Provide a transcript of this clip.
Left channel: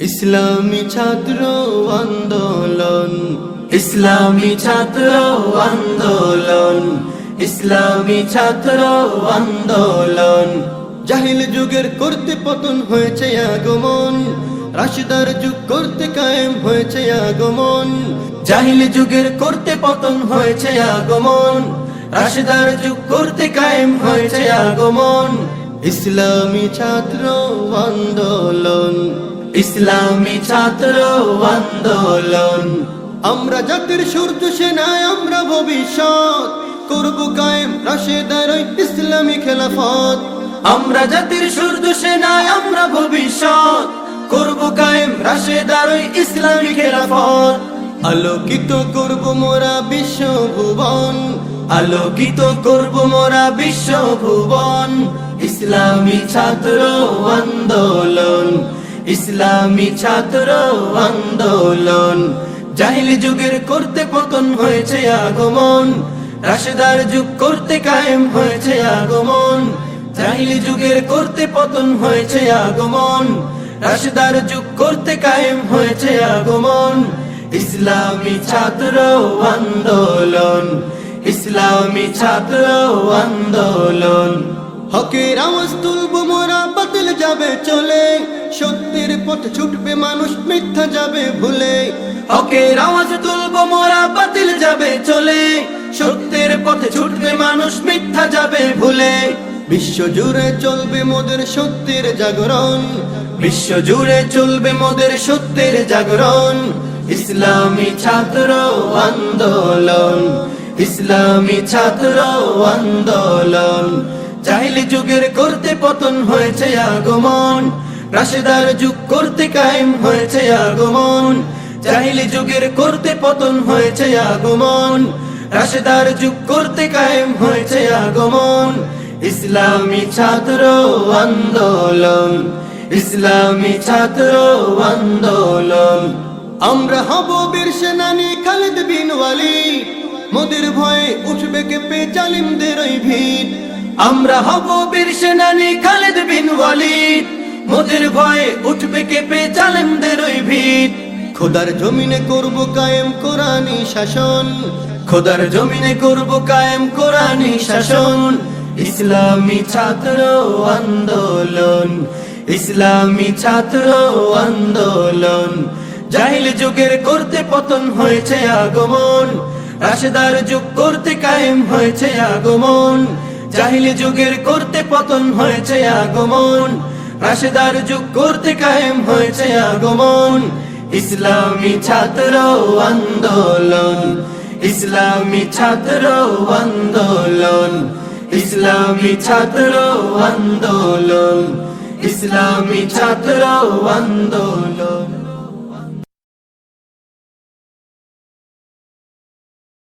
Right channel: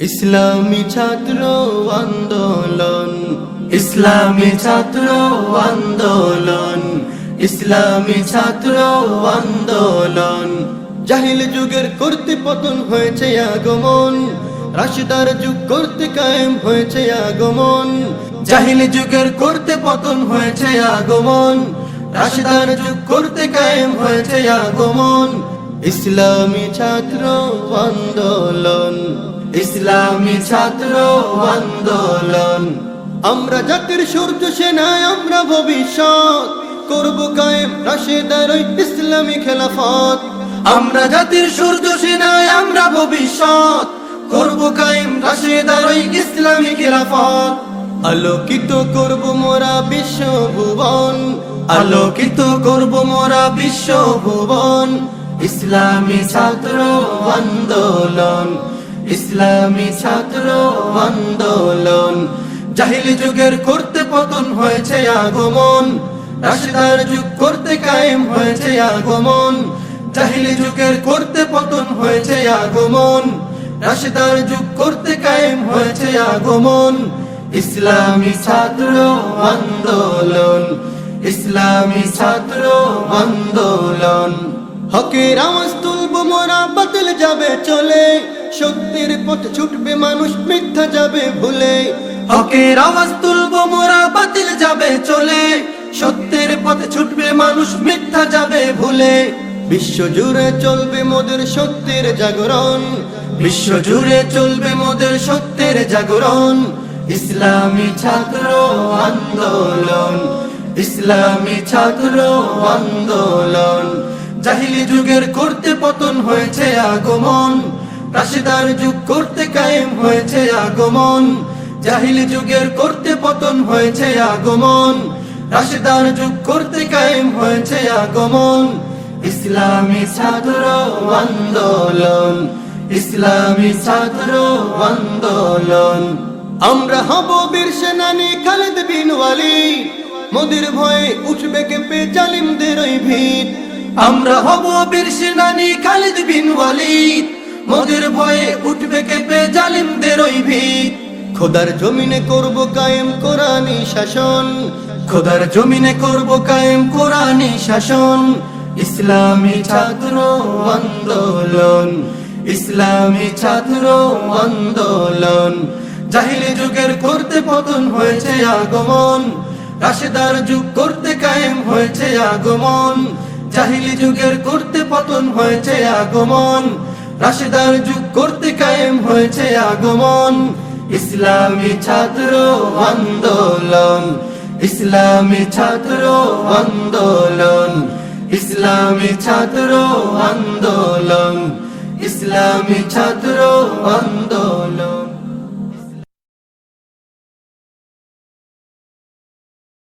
ইসলামী ছাত্র আন্দোলন। ইসলামী ছাত্র আন্দোলন। ইসলামী ছাত্র আন্দোলন। জাহিল যুগের করতে পতন হয়েছে আগমন। রাশিদার যুগ করতে কায়েম হয়েছে আগমন। জাহিল যুগের করতে পতন হয়েছে আগমন। রাশিদার যুগ করতে কায়েম হয়েছে আগমন। ইসলামী ছাত্র আন্দোলন। ইসলামী ছাত্র আন্দোলন। আমরা জাতির সূর্য সেনায় আমরা ভবিষ্যৎ। করব কায়েম রাশেদার ওই ইসলামী খেলাফত। আমরা জাতির সূর্য সেনায় আমরা ভবিষ্যৎ। করব কায়েম রাশেদার ওই ইসলামী খেলাফত। আলোকিত করব মোরা বিশ্ব ভুবন। আলোকিত করব মোরা বিশ্ব ভুবন। ইসলামী ছাত্র আন্দোলন। ইসলামী ছাত্র আন্দোলন। জাহিলি যুগের করতে পতন হয়েছে আগমন। রাশেদার যুগ করতে কায়েম হয়েছে আগমন। জাহিলি যুগের করতে পতন হয়েছে আগমন। রাশেদার যুগ করতে কায়েম হয়েছে আগমন। ইসলামী ছাত্র আন্দোলন। ইসলামী ছাত্র আন্দোলন। হকের আওয়াজ তুলব, মোরা বাতিল যাবে চলে। সত্যের পথ ছুটবে, মানুষ মিথ্যা যাবে ভুলে। হকের আওয়াজ তুলব, মোরা বাতিল যাবে চলে। সত্যের পথে ছুটবে, মানুষ মিথ্যা যাবে ভুলে। বিশ্ব জুড়ে চলবে মোদের সত্যের জাগরণ। বিশ্ব জুড়ে চলবে মোদের সত্যের জাগরণ। ইসলামী ছাত্র আন্দোলন। ইসলামী ছাত্র আন্দোলন। জাহিলি যুগের করতে পতন হয়েছে আগমন। রাশেদার যুগ করতে কায়েম হয়েছে আগমন। জাহিলি যুগের করতে পতন হয়েছে আগমন। রাশেদার যুগ করতে কায়েম হয়েছে আগমন। ইসলামী ছাত্র আন্দোলন, ইসলামী ছাত্র আন্দোলন। আমরা হব বীর সেনানী খালেদ বিন ওয়ালিদ। মোদের ভয়ে উঠবে কেঁপে জালিমদের ওই ভিড়। আমরা হব বীর সেনানী খালিদ বিন ওয়ালিদ। মোদের ভয়ে উঠবে কেঁপে জালিমদের ওই ভিড় খোদার জমিনে করব কায়েম কোরআনী শাসন। খোদার জমিনে করব কায়েম কোরআনী শাসন। ইসলামী ছাত্র আন্দোলন ইসলামী ছাত্র আন্দোলন। জাহিলি যুগের করতে পতন হয়েছে আগমন রাশেদার যুগ করতে কায়েম হয়েছে আগমন। জাহিলি যুগের করতে পতন হয়েছে আগমন, রাশেদার যুগ করতে কায়েম হয়েছে আগমন। ইসলামী ছাত্র আন্দোলন, ইসলামী ছাত্র আন্দোলন, ইসলামী ছাত্র আন্দোলন, ইসলামী ছাত্র